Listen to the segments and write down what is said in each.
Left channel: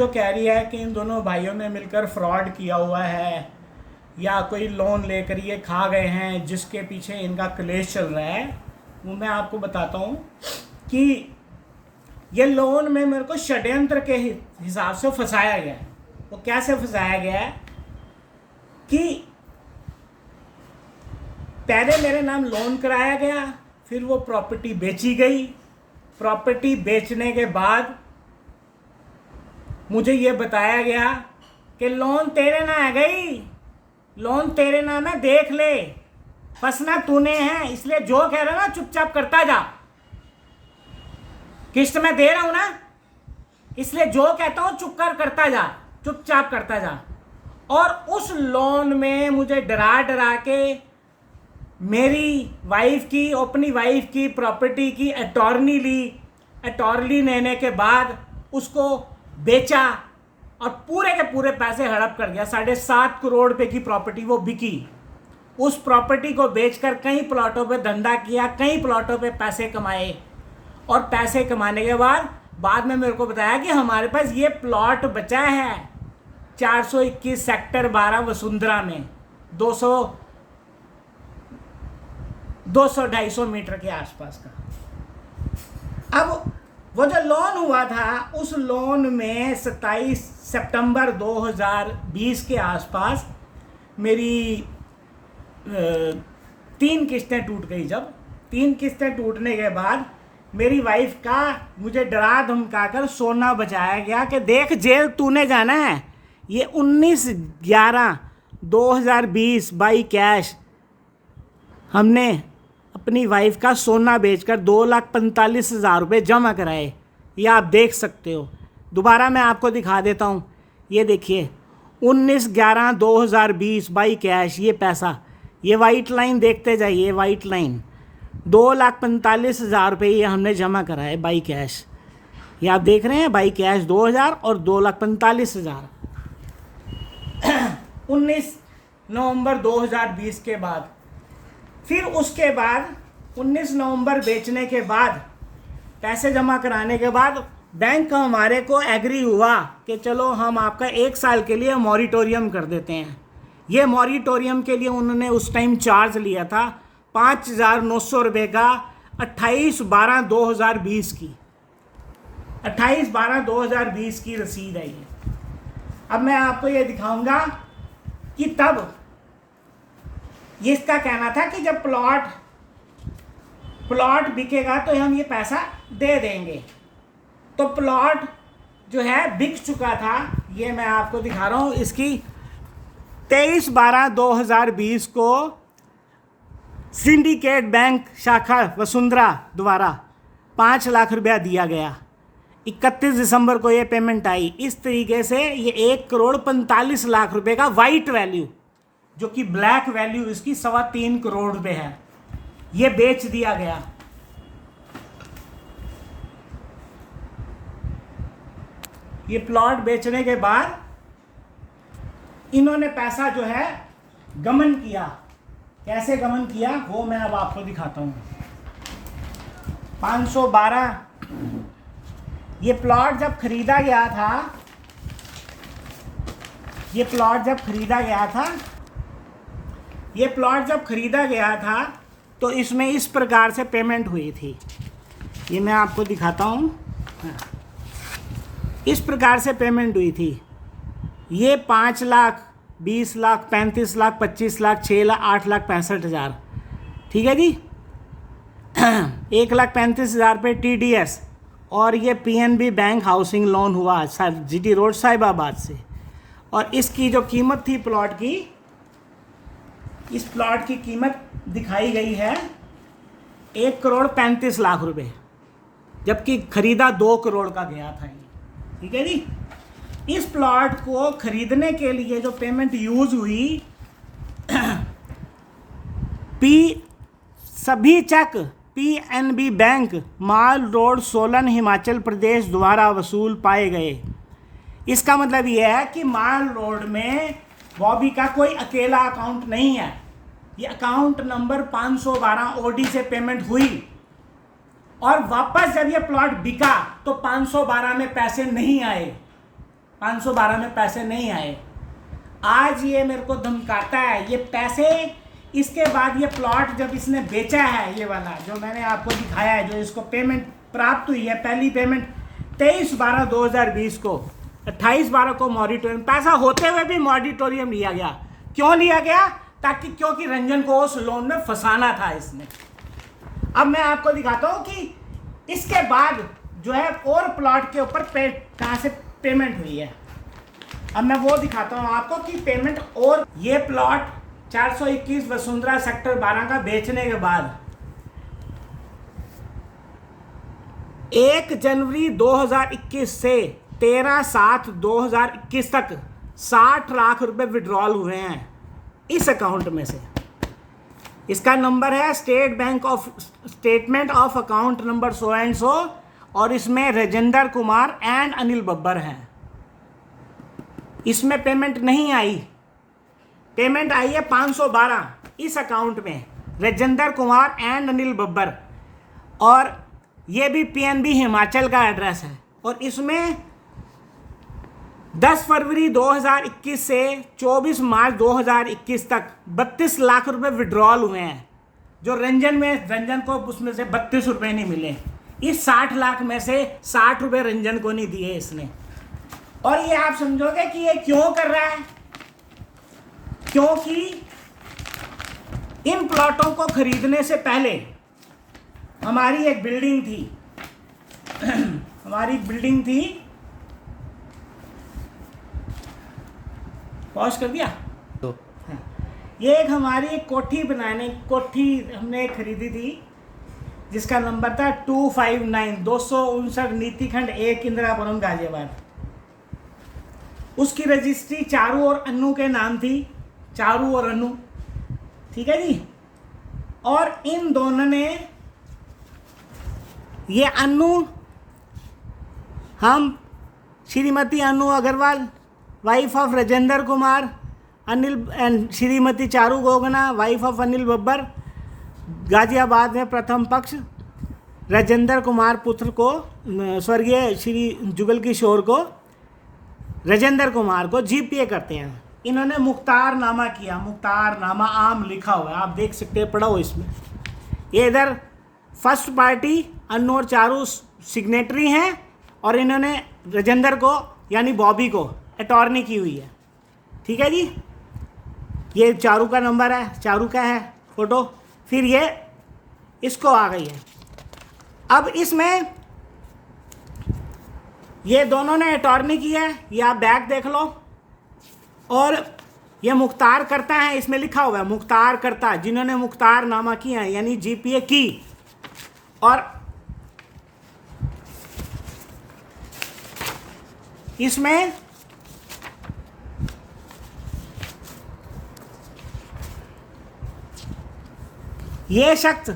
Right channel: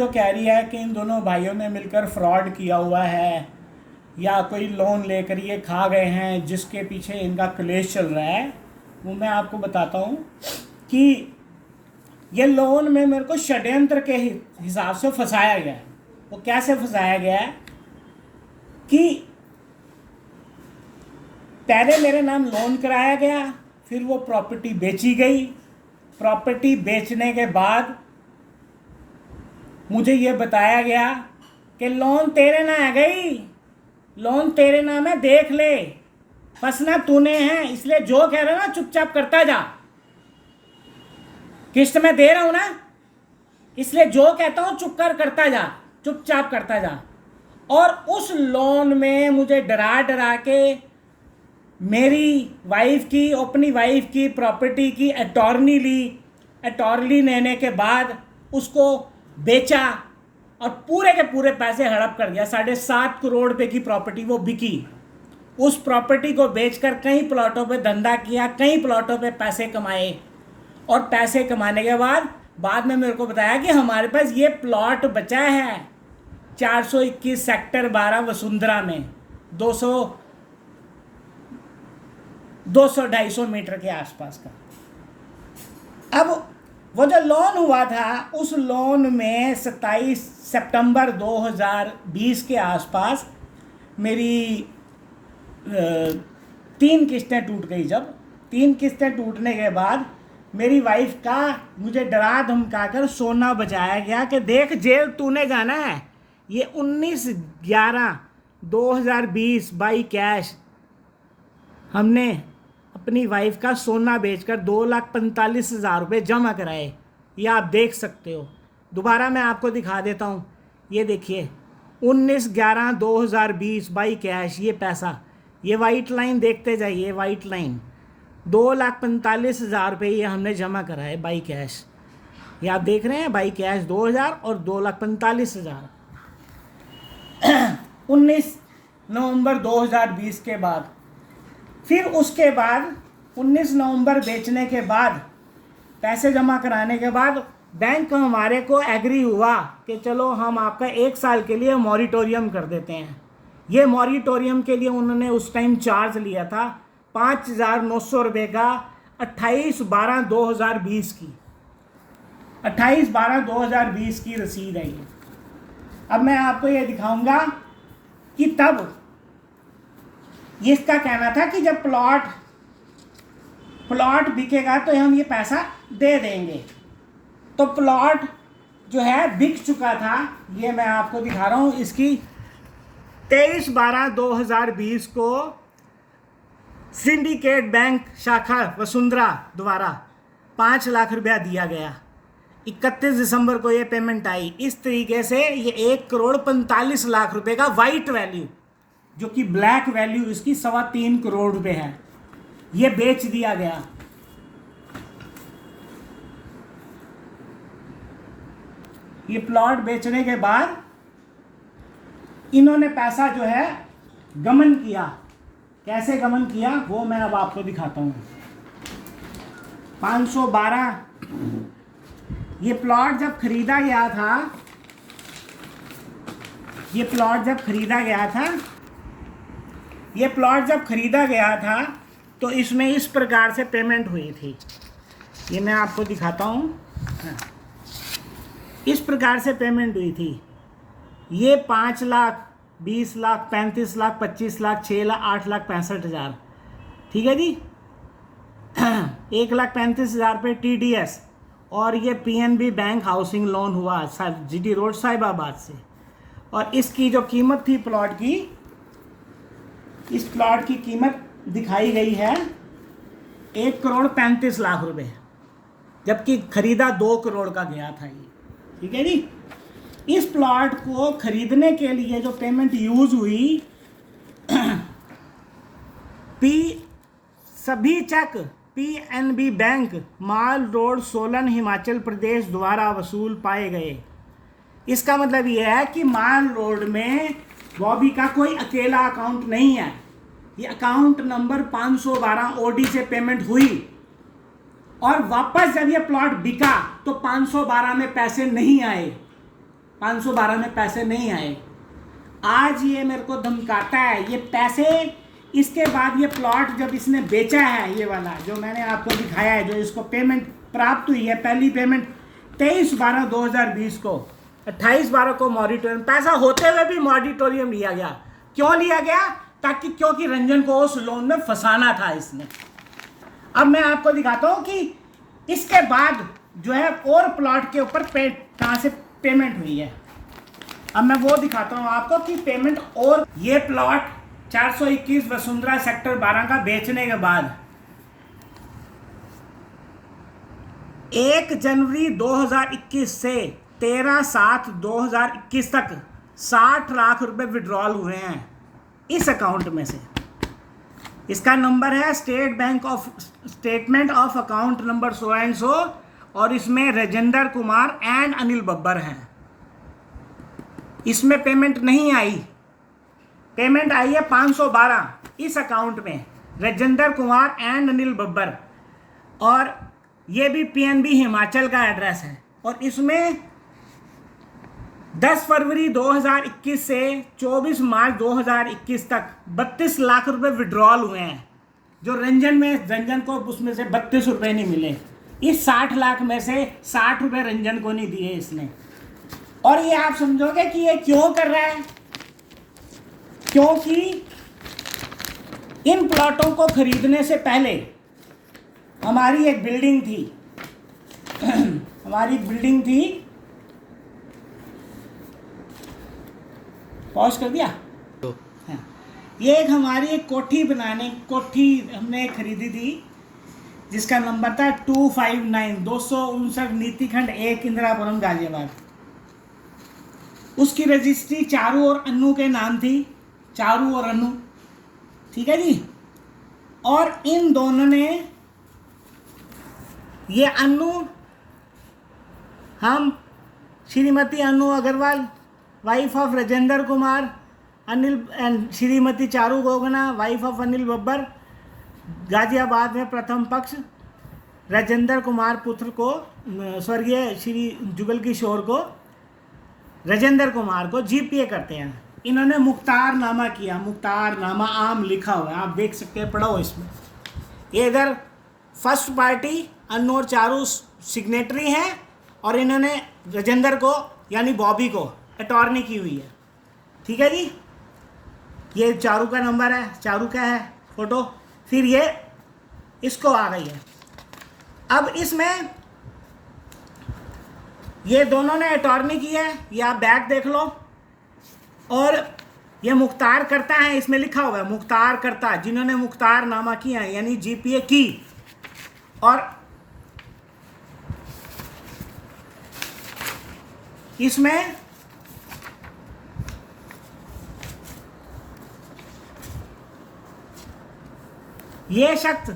जो कह रही है कि इन दोनों भाइयों ने मिलकर फ्रॉड किया हुआ है या कोई लोन लेकर ये खा गए हैं जिसके पीछे इनका क्लेश चल रहा है, वो मैं आपको बताता हूँ कि ये लोन में मेरे को षड्यंत्र के हिसाब से फंसाया गया है। वो कैसे फंसाया गया है कि पहले मेरे नाम लोन कराया गया, फिर वो प्रॉपर्टी बेची गई। प्रॉपर्टी बेचने के बाद मुझे ये बताया गया कि लोन तेरे नाम है गई, लोन तेरे नाम है, देख ले, फंसना तूने है, इसलिए जो कह रहा ना चुपचाप करता जा। किस्त में दे रहा हूं ना, इसलिए जो कहता हूं चुप कर करता जा, चुपचाप करता जा। और उस लोन में मुझे डरा डरा के मेरी वाइफ की, अपनी वाइफ की प्रॉपर्टी की अटॉर्नी ली। अटॉर्नी लेने के बाद उसको बेचा और पूरे के पूरे पैसे हड़प कर गया। 7.5 करोड़ रुपए की प्रॉपर्टी वो बिकी। उस प्रॉपर्टी को बेचकर कई प्लॉटों पे धंधा किया, कई प्लॉटों पे पैसे कमाए। और पैसे कमाने के बाद में मेरे को बताया कि हमारे पास ये प्लॉट बचा है 421 सेक्टर 12 वसुंधरा में 200-250 मीटर के आसपास का। अब वो जो लोन हुआ था, उस लोन में 27 सितंबर 2020 के आसपास मेरी 3 किस्तें टूट गई। जब 3 किस्तें टूटने के बाद मेरी वाइफ का मुझे डरा धमका कर सोना बचाया गया कि देख जेल तूने जाना है। ये 19/11/2020 बाई कैश हमने अपनी वाइफ का सोना बेचकर 2,45,000 रुपये जमा कराए। ये आप देख सकते हो। दोबारा मैं आपको दिखा देता हूँ, ये देखिए 19/11/2020 बाई कैश, ये पैसा, ये वाइट लाइन देखते जाइए, वाइट लाइन 2,45,000 रुपये ये हमने जमा कराए बाई कैश। ये आप देख रहे हैं, बाई कैश 2,000 और 2,45,000। 19 नवंबर 2020 के बाद, फिर उसके बाद 19 नवंबर बेचने के बाद, पैसे जमा कराने के बाद बैंक हमारे को एग्री हुआ कि चलो हम आपका 1 साल के लिए मॉरिटोरियम कर देते हैं। ये मॉरिटोरियम के लिए उन्होंने उस टाइम चार्ज लिया था 5,900 रुपये का। 28/12/2020 की 28/12/2020 की रसीद है ये। अब मैं आपको ये दिखाऊंगा कि तब इसका कहना था कि जब प्लॉट बिकेगा तो हम ये पैसा दे देंगे। तो प्लॉट जो है बिक चुका था, ये मैं आपको दिखा रहा हूँ। इसकी 23/12/2020 को सिंडिकेट बैंक शाखा वसुंधरा द्वारा 5 लाख रुपया दिया गया। 31 दिसंबर को ये पेमेंट आई। इस तरीके से ये 1,45,00,000 रुपये का वाइट वैल्यू, जो कि ब्लैक वैल्यू इसकी 3.25 करोड़ रुपए है, ये बेच दिया गया। ये प्लॉट बेचने के बाद इन्होंने पैसा जो है गमन किया। कैसे गमन किया वो मैं अब आपको दिखाता हूँ। 512 ये प्लॉट जब खरीदा गया था, ये प्लॉट जब खरीदा गया था तो इसमें इस प्रकार से पेमेंट हुई थी। ये मैं आपको दिखाता हूँ। इस प्रकार से पेमेंट हुई थी। ये 5 लाख, 20 लाख, 35 लाख, 25 लाख, 6 लाख, 8 लाख 65,000, ठीक है जी। 1,35,000 रुपये TDS। और ये PNB बैंक हाउसिंग लोन हुआ GT रोड साहिबाबाद से। और इसकी जो कीमत थी प्लॉट की, इस प्लॉट की कीमत दिखाई गई है 1,35,00,000 रुपये, जबकि खरीदा 2 करोड़ का गया था ये, ठीक है जी। इस प्लॉट को खरीदने के लिए जो पेमेंट यूज हुई, सभी चेक PNB बैंक माल रोड सोलन हिमाचल प्रदेश द्वारा वसूल पाए गए। इसका मतलब यह है कि माल रोड में बॉबी का कोई अकेला अकाउंट नहीं है। ये अकाउंट नंबर 512 OD से पेमेंट हुई और वापस जब ये प्लॉट बिका तो 512 में पैसे नहीं आए। 512 में पैसे नहीं आए। आज ये मेरे को धमकाता है, ये पैसे इसके बाद ये प्लॉट जब इसने बेचा है, ये वाला जो मैंने आपको दिखाया है, जो इसको पेमेंट प्राप्त हुई है, पहली पेमेंट 23/12/2020 को, 28/12 को मॉडिटोरियम, पैसा होते हुए भी मॉडिटोरियम लिया गया। क्यों लिया गया? क्योंकि रंजन को उस लोन में फंसाना था इसने। अब मैं आपको दिखाता हूँ कि इसके बाद जो है और प्लॉट के ऊपर कहाँ से पेमेंट हुई है। अब मैं वो दिखाता हूँ आपको कि पेमेंट, और ये प्लॉट 421 वसुंधरा सेक्टर 12 का बेचने के बाद 1 जनवरी 2021 से 13/7/2021 तक 60 लाख रुपए विड्रॉल हुए हैं इस अकाउंट में से। इसका नंबर है statement of account number so and so, और इसमें राजेंद्र कुमार एंड अनिल बब्बर हैं। इसमें पेमेंट नहीं आई, पेमेंट आई है 512 इस अकाउंट में, राजेंद्र कुमार एंड अनिल बब्बर, और ये भी पीएनबी हिमाचल का एड्रेस है। और इसमें 10 फरवरी 2021 से 24 मार्च 2021 तक 32 लाख रुपए विड्रॉल हुए हैं, जो रंजन को उसमें से 32 रुपए नहीं मिले। इस 60 लाख में से 60 रुपए रंजन को नहीं दिए इसने। और ये आप समझोगे कि ये क्यों कर रहा है? क्योंकि इन प्लॉटों को खरीदने से पहले हमारी एक बिल्डिंग थी पॉज कर दिया। हाँ। ये एक हमारी एक कोठी हमने खरीदी थी, जिसका नंबर था 259 नीतिखंड 1 इंदिरापुरम गाजियाबाद। उसकी रजिस्ट्री चारू और अन्नू के नाम थी, चारू और अन्नू, ठीक है जी। और इन दोनों ने, ये अन्नू, हम Shrimati Annu Agarwal wife of Rajendra Kumar, Anil and Shrimati Charu Gogna wife of Anil Babbar, Ghaziabad में प्रथम पक्ष राजेंद्र कुमार पुत्र को, स्वर्गीय श्री जुगल किशोर को, राजेंद्र कुमार को जीपीए करते हैं। इन्होंने मुख्तारनामा किया, मुख्तारनामा आम लिखा हुआ है, आप देख सकते हैं, पढ़ो इसमें। ये इधर फर्स्ट पार्टी अन्नू और चारू सिग्नेटरी हैं, और इन्होंने राजेंद्र को यानी बॉबी को अटॉर्नी की हुई है, ठीक है जी। ये चारू का नंबर है, चारू का है फोटो, फिर ये इसको आ गई है। अब इसमें ये दोनों ने अटॉर्नी की है, ये आप बैक देख लो। और ये मुख्तार करता है, इसमें लिखा हुआ है मुख्तार करता, जिन्होंने मुख्तार नामा किया है यानी जीपीए की। और इसमें ये शख्स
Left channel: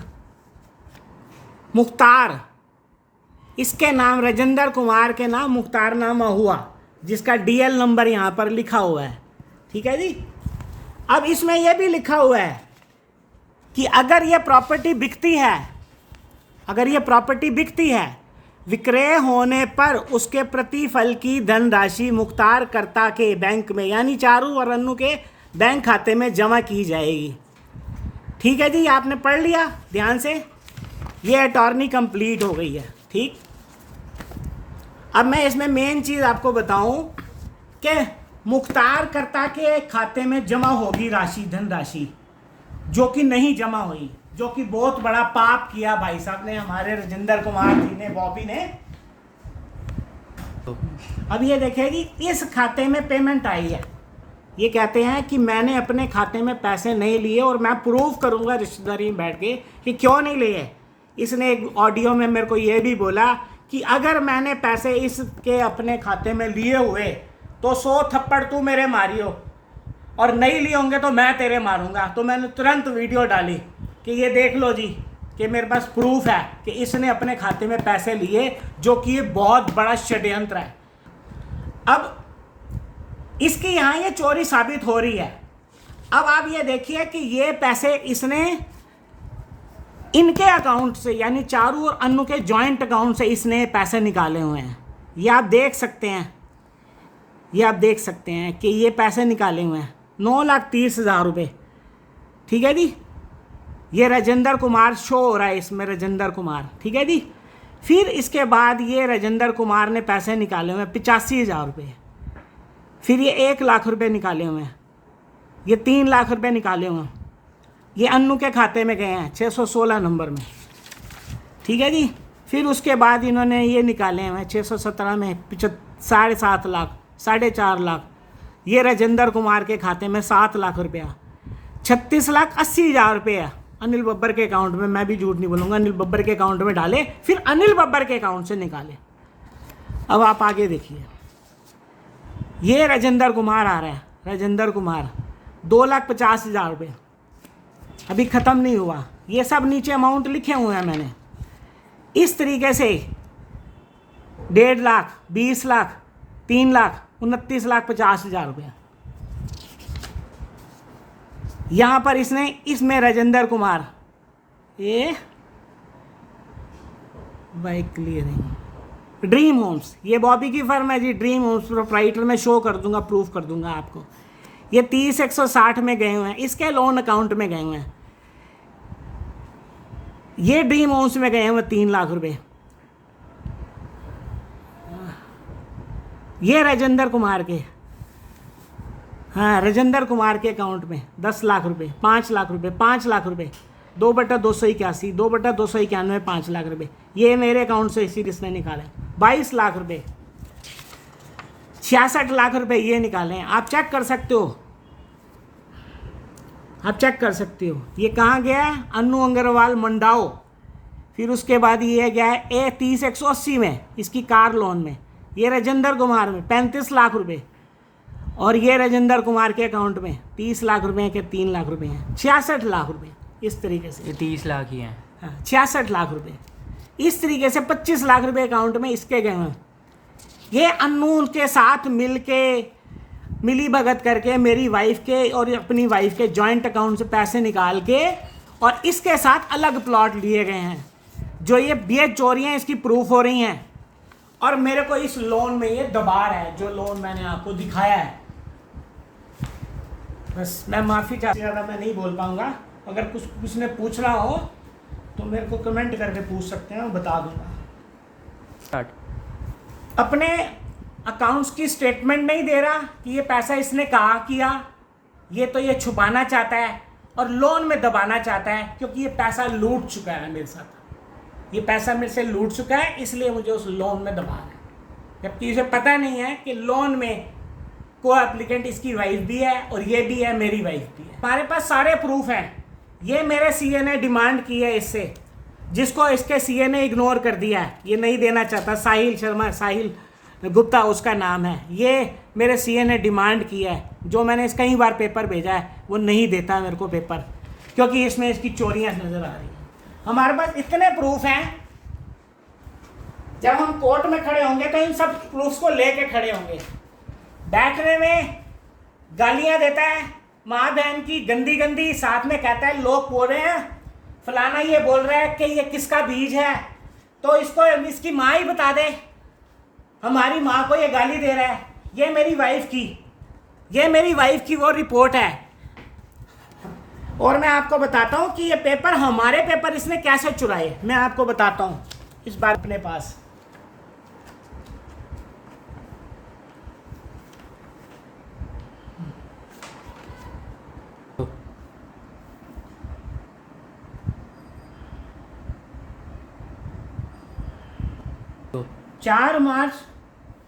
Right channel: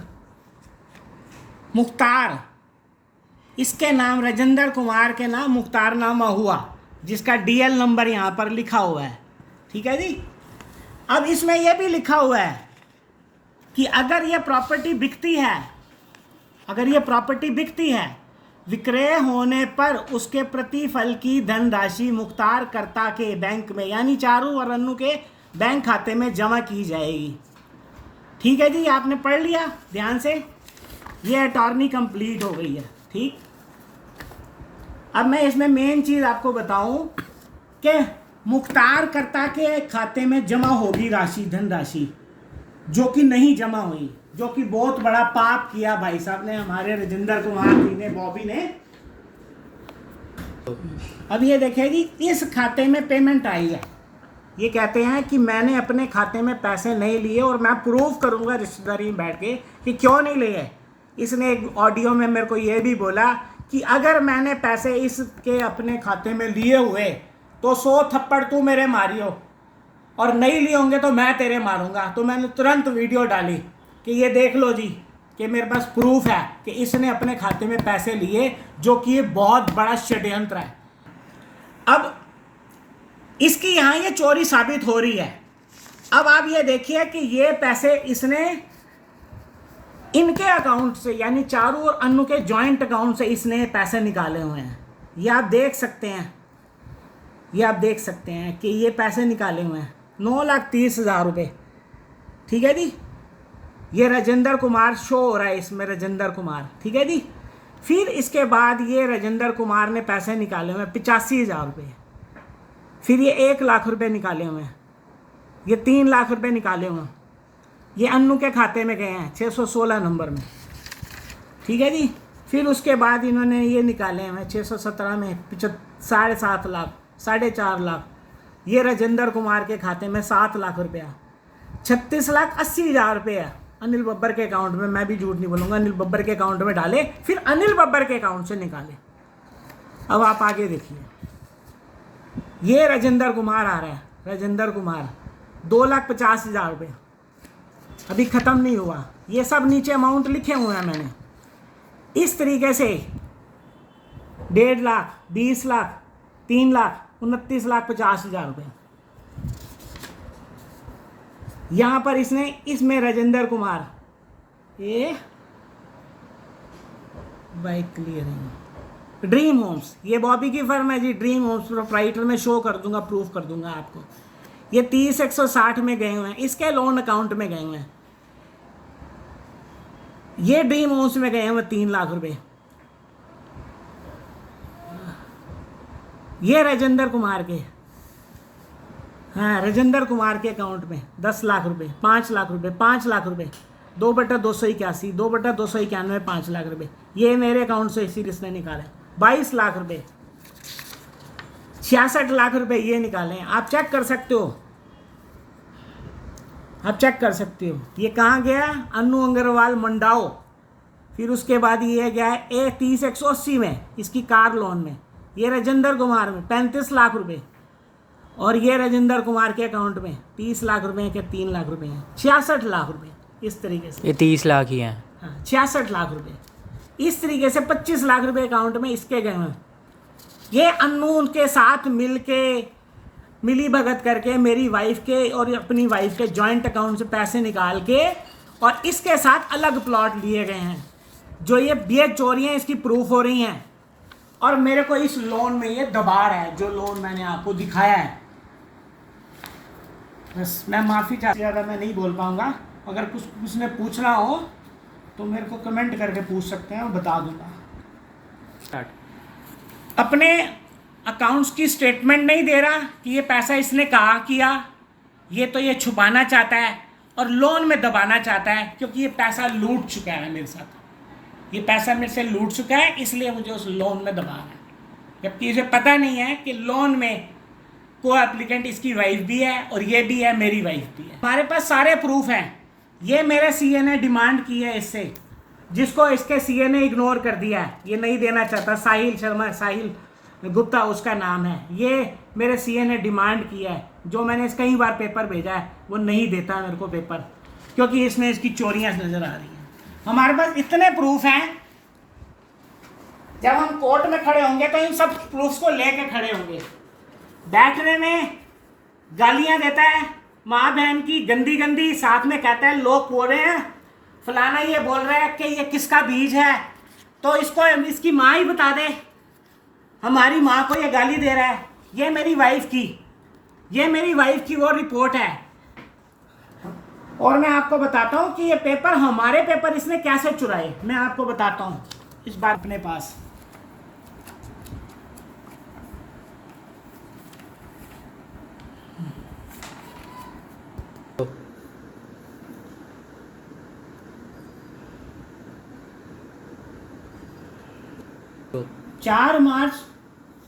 मुख्तार, इसके नाम राजेंद्र कुमार के नाम मुख्तारनामा हुआ, जिसका डीएल नंबर यहाँ पर लिखा हुआ है, ठीक है जी। अब इसमें यह भी लिखा हुआ है कि अगर ये प्रॉपर्टी बिकती है, विक्रय होने पर उसके प्रतिफल की धनराशि मुख्तार कर्ता के बैंक में यानी चारू और अन्नू के बैंक खाते में जमा की जाएगी, ठीक है जी। आपने पढ़ लिया ध्यान से, ये अटॉर्नी कंप्लीट हो गई है, ठीक। अब मैं इसमें मेन चीज़ आपको बताऊं कि मुख्तार कर्ता के खाते में जमा होगी राशि, धनराशि, जो कि नहीं जमा हुई, जो कि बहुत बड़ा पाप किया भाई साहब ने, हमारे राजेंद्र कुमार जी ने, बॉबी ने। अब ये देखिए जी, इस खाते में पेमेंट आई है। ये कहते हैं कि मैंने अपने खाते में पैसे नहीं लिए, और मैं प्रूव करूंगा रिश्तेदारी में बैठ के कि क्यों नहीं लिए। इसने एक ऑडियो में मेरे को ये भी बोला कि अगर मैंने पैसे इसके अपने खाते में लिए हुए तो 100 थप्पड़ तू मेरे मारियो, और नहीं लिए होंगे तो मैं तेरे मारूंगा। तो मैंने तुरंत वीडियो डाली कि ये देख लो जी, कि मेरे पास प्रूफ है कि इसने अपने खाते में पैसे लिए, जो कि ये बहुत बड़ा षड्यंत्र है। अब इसकी यहाँ ये चोरी साबित हो रही है। अब आप ये देखिए कि ये पैसे इसने इनके अकाउंट से यानी चारू और अन्नू के जॉइंट अकाउंट से इसने पैसे निकाले हुए हैं, ये आप देख सकते हैं। ये आप देख सकते हैं कि ये पैसे निकाले हुए हैं 9,30,000 रुपये, ठीक है जी। ये राजेंद्र कुमार शो हो रहा है इसमें, राजेंद्र कुमार, ठीक है जी। फिर इसके बाद ये राजेंद्र कुमार ने पैसे निकाले हुए हैं 85,000 रुपये। फिर ये 1,00,000 रुपये निकाले हुए हैं, ये 3,00,000 रुपये निकाले हुए हैं, ये अन्नू के खाते में गए हैं 616 नंबर में, ठीक है जी। फिर उसके बाद इन्होंने ये निकाले हुए हैं 617 में 7.5 लाख, 4.5 लाख, ये राजेंद्र कुमार के खाते में 7 लाख रुपया, 36,80,000 रुपये अनिल बब्बर के अकाउंट में, मैं भी झूठ नहीं बोलूँगा, अनिल बब्बर के अकाउंट में डाले, फिर अनिल बब्बर के अकाउंट से निकाले। अब आप आगे देखिए, ये राजेंद्र कुमार आ रहा है, राजेंद्र कुमार 2,50,000 रुपये, अभी ख़त्म नहीं हुआ, ये सब नीचे अमाउंट लिखे हुए हैं मैंने। इस तरीके से 1.5 लाख, 20 लाख, 3 लाख, 29,50,000 रुपये यहाँ पर इसने, इसमें राजेंद्र कुमार, ये बाइक क्लियरिंग ड्रीम होम्स, ये बॉबी की फर्म है जी, ड्रीम होम्स प्रोप्राइटर में शो कर दूंगा, प्रूफ कर दूंगा आपको। ये 30,160 में गए हुए हैं, इसके लोन अकाउंट में गए हुए हैं। ये ड्रीम होम्स में गए हुए 3 लाख रुपए। ये राजेंद्र कुमार के, हाँ राजेंद्र कुमार के अकाउंट में 10 लाख रुपए, 5 लाख रुपए, 5 लाख रुपए, 2/281, 2/291, 5 लाख रुपए। ये मेरे अकाउंट से इसी किसने निकाला, 22 लाख रुपए, 66 लाख रुपए ये निकाले हैं। आप चेक कर सकते हो, आप चेक कर सकते हो। ये कहाँ गया, अन्नू अग्रवाल मंडाओ। फिर उसके बाद ये गया है ए 30,180 में, इसकी कार लोन में। ये राजेंद्र कुमार में 35 लाख रुपए, और ये राजेंद्र कुमार के अकाउंट में 30 लाख रुपए के 3 लाख रुपए हैं, 66 लाख रुपए। इस तरीके से ये 30 लाख ही हैं, हाँ 66 लाख रुपए। इस तरीके से 25 लाख रुपए अकाउंट में इसके गए हैं। ये अन्नू के साथ मिली भगत करके मेरी वाइफ के और अपनी वाइफ के जॉइंट अकाउंट से पैसे निकाल के और इसके साथ अलग प्लॉट लिए गए हैं। जो ये चोरियाँ इसकी प्रूफ हो रही हैं, और मेरे को इस लोन में ये दबाड़ है, जो लोन मैंने आपको दिखाया है। बस मैं माफ़ी चाहता, ज़्यादा मैं नहीं बोल पाऊँगा। अगर कुछ ने पूछना हो तो मेरे को कमेंट करके पूछ सकते हैं, मैं बता दूँगा। स्टार्ट। अपने अकाउंट्स की स्टेटमेंट नहीं दे रहा कि ये पैसा इसने कहाँ किया, ये तो ये छुपाना चाहता है और लोन में दबाना चाहता है, क्योंकि ये पैसा लूट चुका है मेरे साथ। ये पैसा मेरे से लूट चुका है, इसलिए मुझे उस लोन में दबाना है, जबकि इसे पता नहीं है कि लोन में को एप्लीकेंट इसकी वाइफ भी है और ये भी है, मेरी वाइफ भी है। हमारे पास सारे प्रूफ हैं। ये मेरे सीए ने डिमांड की है इससे, जिसको इसके सीए ने इग्नोर कर दिया है, ये नहीं देना चाहता। साहिल शर्मा, साहिल गुप्ता उसका नाम है। ये मेरे सीए ने डिमांड किया है, जो मैंने इस कई बार पेपर भेजा है, वो नहीं देता मेरे को पेपर, क्योंकि इसमें इसकी चोरियां नज़र आ रही हैं। हमारे पास इतने प्रूफ हैं, जब हम कोर्ट में खड़े होंगे तो इन सब प्रूफ्स को लेके खड़े होंगे। बैठने में गालियां देता है माँ बहन की गंदी गंदी, साथ में कहता है लोग बोल रहे हैं फलाना, ये बोल रहा है कि ये किसका बीज है, तो इसको इसकी माँ ही बता दे, हमारी माँ को ये गाली दे रहा है। ये मेरी वाइफ की वो रिपोर्ट है। और मैं आपको बताता हूँ कि ये पेपर, हमारे पेपर इसने कैसे चुराए, मैं आपको बताता हूँ इस बार अपने पास। तो 4 मार्च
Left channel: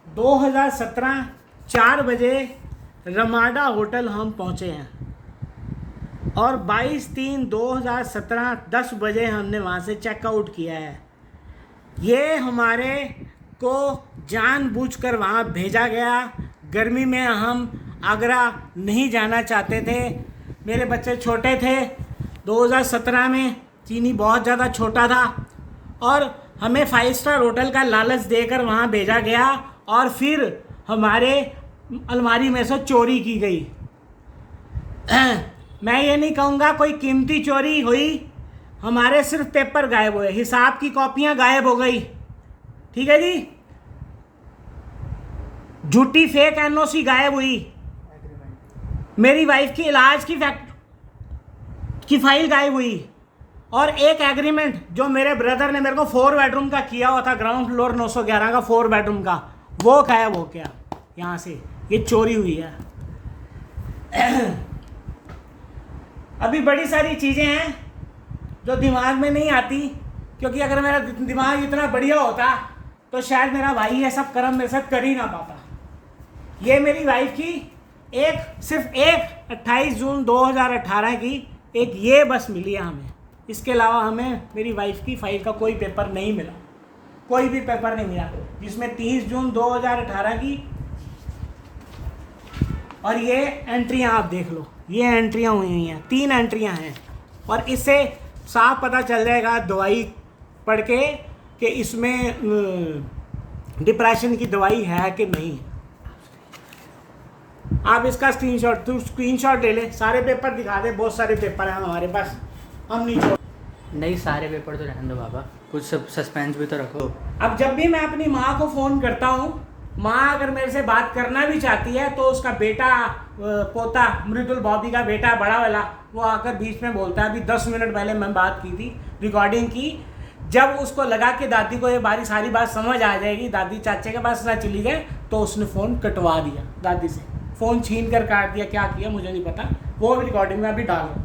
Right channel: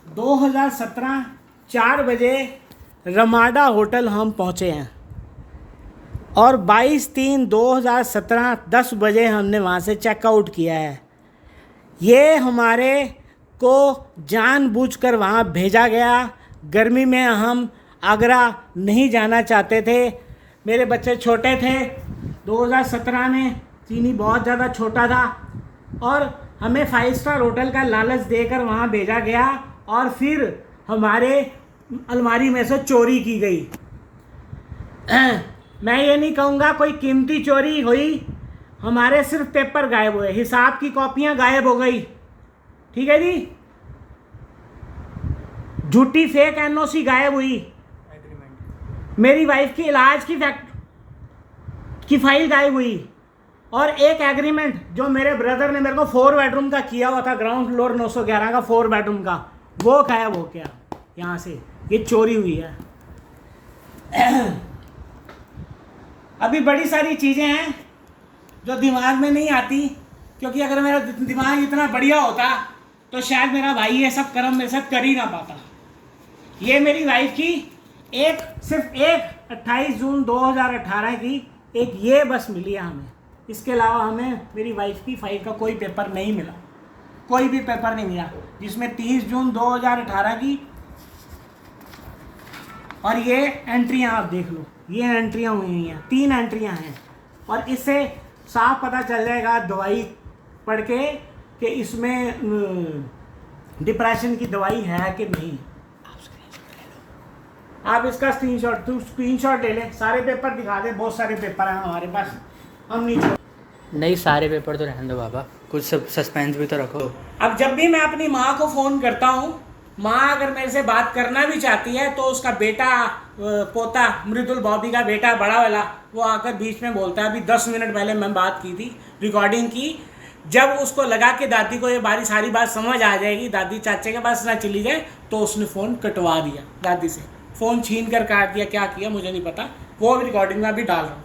2017 4 बजे रमाडा होटल हम पहुँचे हैं, और 22/3/2017 10 बजे हमने वहाँ से चेकआउट किया है। ये हमारे को जानबूझकर वहाँ भेजा गया। गर्मी में हम आगरा नहीं जाना चाहते थे, मेरे बच्चे छोटे थे। 2017 में चीनी बहुत ज़्यादा छोटा था, और हमें 5 स्टार होटल का लालच देकर वहाँ भेजा गया, और फिर हमारे अलमारी में से चोरी की गई। मैं ये नहीं कहूँगा कोई कीमती चोरी हुई, हमारे सिर्फ पेपर गायब हुए, हिसाब की कॉपियाँ गायब हो गई, ठीक है जी। झूठी फेक एनओसी गायब हुई, मेरी वाइफ की इलाज की फाइल गायब हुई, और एक एग्रीमेंट जो मेरे ब्रदर ने मेरे को 4 बेडरूम का किया हुआ था, ग्राउंड फ्लोर 911 का 4 बेडरूम का, वो गायब हो गया यहाँ से। ये चोरी हुई है। अभी बड़ी सारी चीज़ें हैं जो दिमाग में नहीं आती, क्योंकि अगर मेरा दिमाग इतना बढ़िया होता तो शायद मेरा भाई ये सब कर्म मेरे साथ कर ही ना पाता। ये मेरी वाइफ की सिर्फ एक 28 जून 2018 की एक ये बस मिली है हमें। इसके अलावा हमें मेरी वाइफ की फाइल का कोई पेपर नहीं मिला, कोई भी पेपर नहीं मिला, जिसमें 30 जून 2018 की, और ये एंट्रियां आप देख लो, ये एंट्रियां हुई हुई हैं, 3 एंट्रियां हैं, और इससे साफ पता चल जाएगा दवाई पढ़ के कि इसमें डिप्रेशन की दवाई है कि नहीं। आप इसका स्क्रीनशॉट ले ले, सारे पेपर दिखा दे, बहुत सारे पेपर हैं हमारे पास, हम नहीं छोड़। नहीं, सारे पेपर तो रहने दो बाबा, कुछ सस्पेंस भी तो रखो। अब जब भी मैं अपनी माँ को फ़ोन करता हूँ, माँ अगर मेरे से बात करना भी चाहती है तो उसका बेटा पोता मृदुल बॉबी का बेटा बड़ा वाला वो आकर बीच में बोलता है। अभी 10 मिनट पहले मैं बात की थी, रिकॉर्डिंग की, जब उसको लगा कि दादी को ये सारी बात समझ आ जाएगी, दादी चाचे के पास ना चली जाए, तो उसने फ़ोन कटवा दिया दादी से, फ़ोन छीन कर काट दिया, क्या किया मुझे नहीं पता, वो भी रिकॉर्डिंग में अभी डाल रहा हूँ।